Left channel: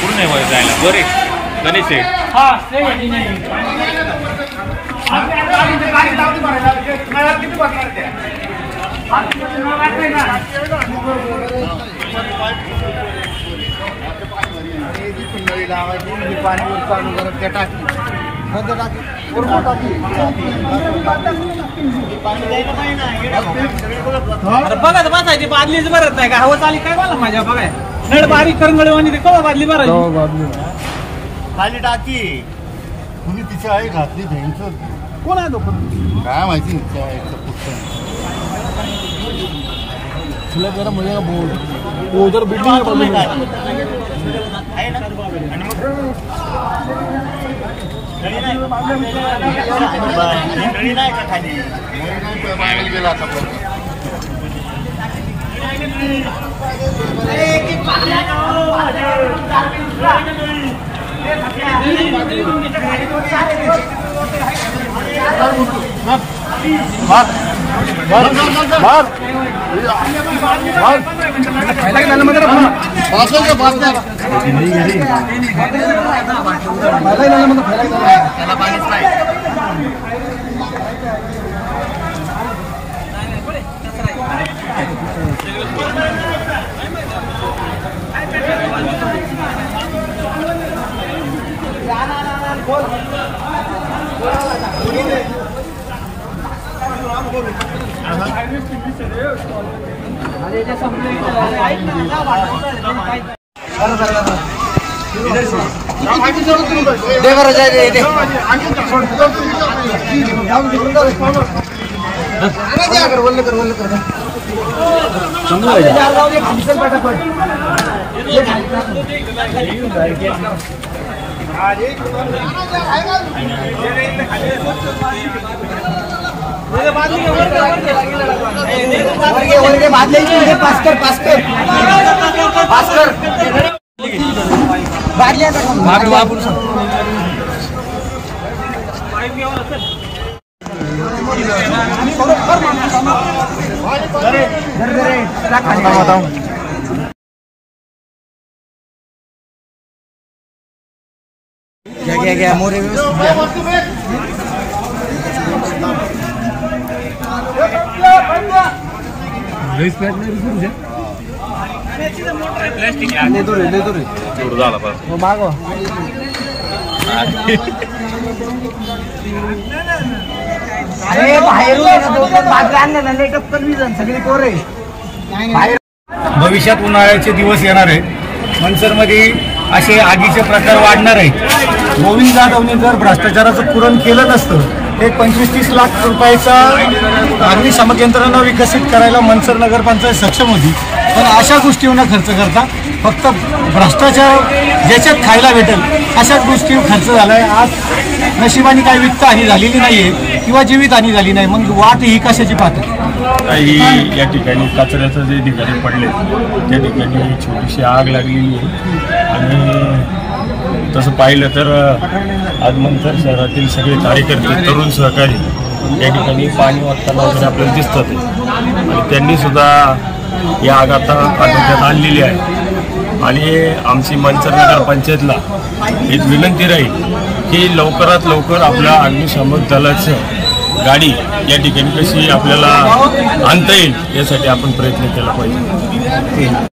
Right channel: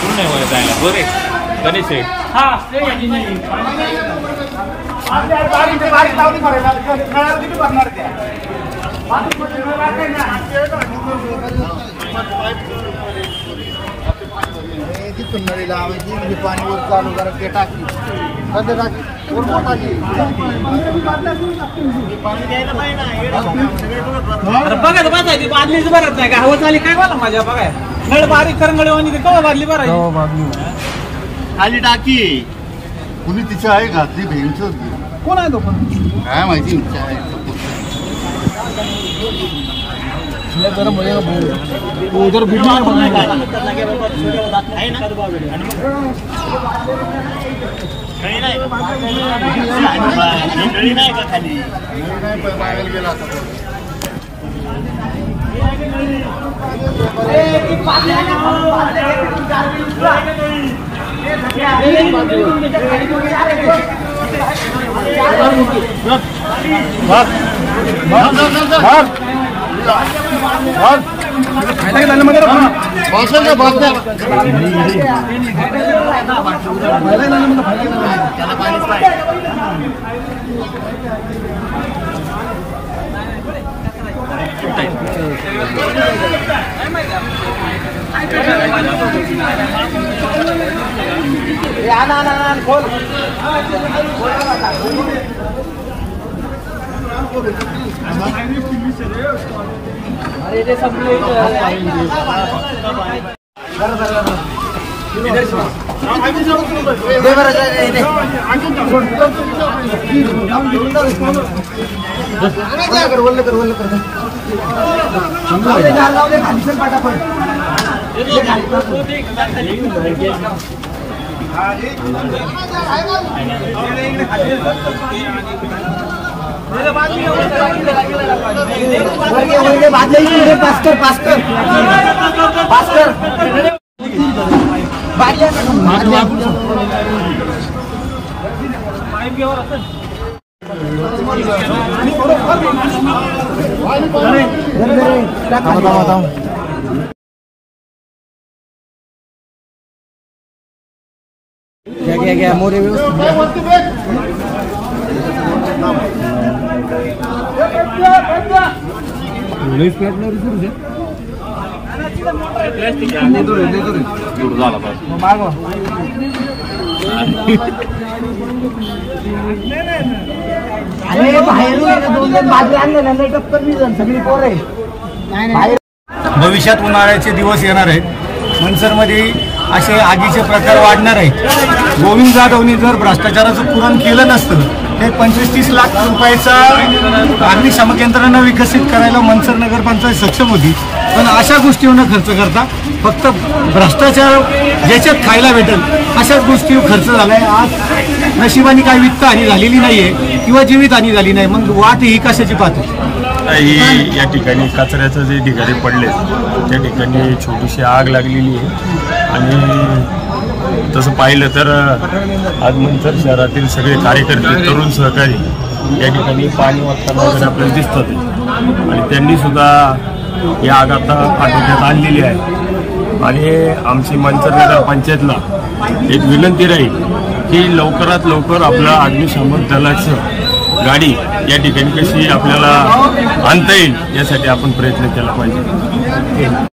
पूर्ण मध्ये जायला बरे गणेश आहे पाणी वर चालू ते टाकी बघा बसायची बादलीच भरत नाही का हवा चाली काय मला माझ्या बघाय नळ बारीक करंगळे आणि ते कवा बादली भरायची खाली टाकी कुणी तिच्या आहे घातली भेंच कोण आहे तो काय माहिती इच्छा आहे उधर क्या मोरे भविष्यात उन्हाळ्याचे दिवस येणार आहेत. मनसरमध्ये असे आगीचे प्रकार वाढणार आहेत. गोविंद जाधवने जर भ्रष्टाचाराचं पुरण केलं नसतं ते 25-30 लाख रुपयाचा अग्निशामक यंत्रणा विकसित करायला मनसर नगरपंचायत सक्षम होती. पण अशा गोष्टीवर न खर्च करता फक्त भ्रष्टाचार ज्याच्यात खायला भेटेल अशाच गोष्टीवर खर्च झालाय. आज नशिबाने काही वित्तहानी झालेली नाहीये किंवा जीवितहानी झाली नाही. मग वाट ही कशाची पाहते? या ठिकाणी कचऱ्याचं जे ठिकाणी पडले त्या ठिकाणी छोटीशी आग लागलेली आहे. आणि तसं पाहिलं तर आज मनसर शहरातील सगळे कार्यकर्ते तरुण सहकारी या ठिकाणी पाणी वाचताना वगैरे आपल्याला दिसतात आणि त्यांनी सुद्धा या आग आता आटोक्यात आणलेली आहे. आणि आमची मनसर नगर पंचायतला एक विनंती राहील की लवकरात लवकर आपल्या अग्निशामक दलाचं गाडी या ठिकाणी कशी आपल्याला आणता येईल यासाठी आपण प्रयत्न केला पाहिजे.